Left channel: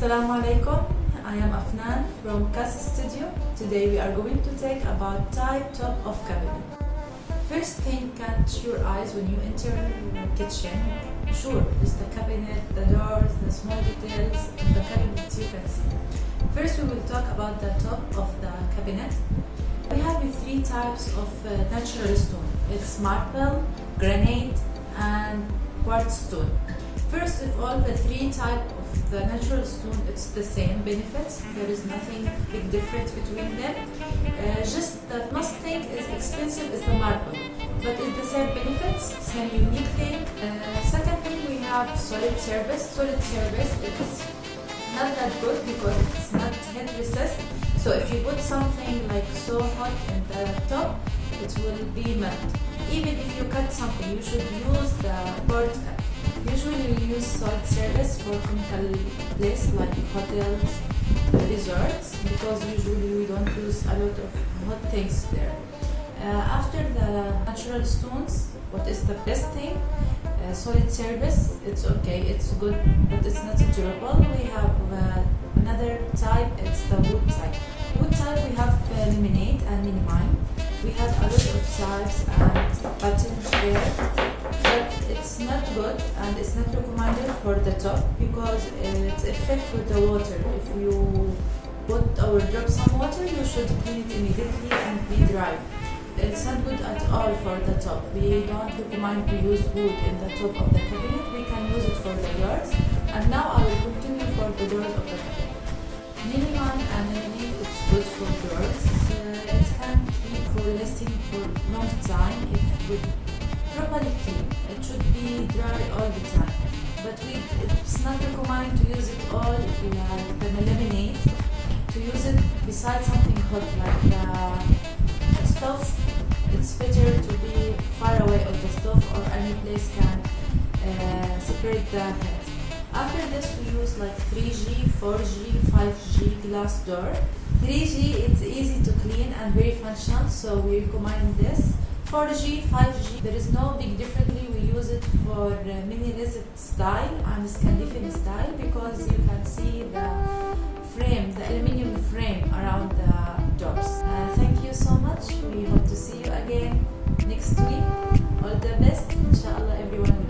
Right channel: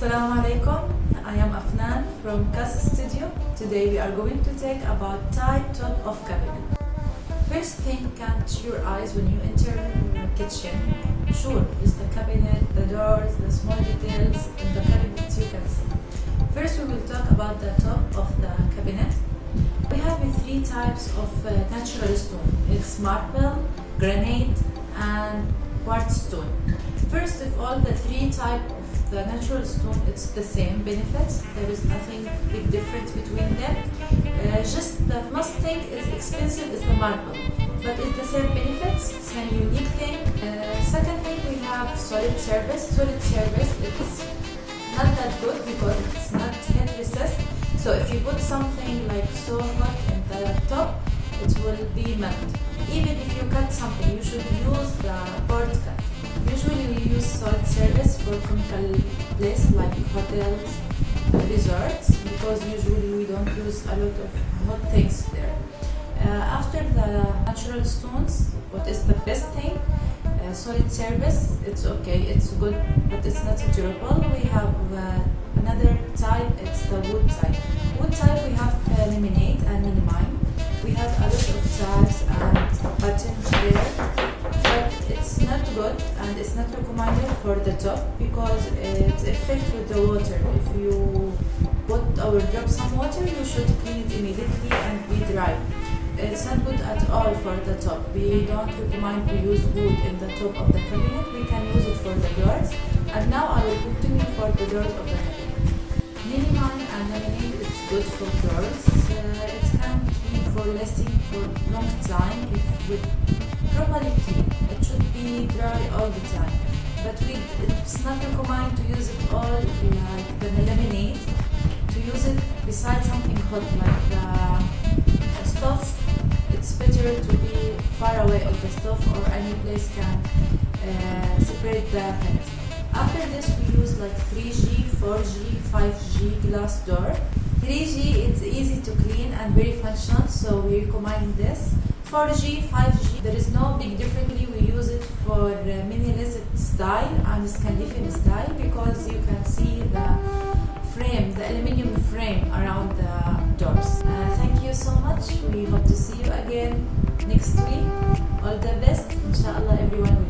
Assalamu alaikum. I am Afnan from Casa Studio. Today we are going to talk about type top of cabinet. First thing catch your eyes when you enter your kitchen. Sure, is the cabinet, the doors, the small details in the cabinet you can see. First we will talk about the top of the cabinet. We have three types of natural stone. It's marble, granite and quartz stone. First of all, the three types of the natural stone, it's the same benefits. There is nothing big difference between them. Just the most thing is expensive is the marble, but it's the same benefits, same unique thing. Second thing, we have solid surface. Solid surface, it's not that good because it's not heat resist. So if you put something like so hot in the top, it will be melt. Even if you cut something, you should use the board cut. Usually we use solid surface for chemical places like hotels, resorts, because usually we don't use a lot of hot things there. After the natural stones, what is the best thing? Solid surface, it's okay, it's good, but it's not durable. We have another type, it's the wood type. Wood type we have laminate and minimine. We have a lot of types and patterns there, but it's not good and it's not recommended for the top because it's affected with the water. If you put or drop some water, you should clean it immediately and be dry. It's not good at all for the top. We don't recommend to use wood in the top of the cabinet. We can use it for the doors. And now I will continue for the doors of the cabinet. Minimine and laminate, it's good for doors. It can keep for lasting for long time if with properly clean. It should be dry all the time. But it's not recommended to use it all like the laminate. To use it beside something hot like the stove, it's better to be far away of the stove or any place can separate the heat. After this we use like 3G, 4G, 5G glass door. 3G it's easy to clean and very functional, so we recommend this. 4G, 5G, there is no big difference. We use it for minimalist style and Scandinavian style because you can see the frame, the aluminium frame around the doors. Thank you so much. We hope to see you again next week. All the best. Inshallah everyone will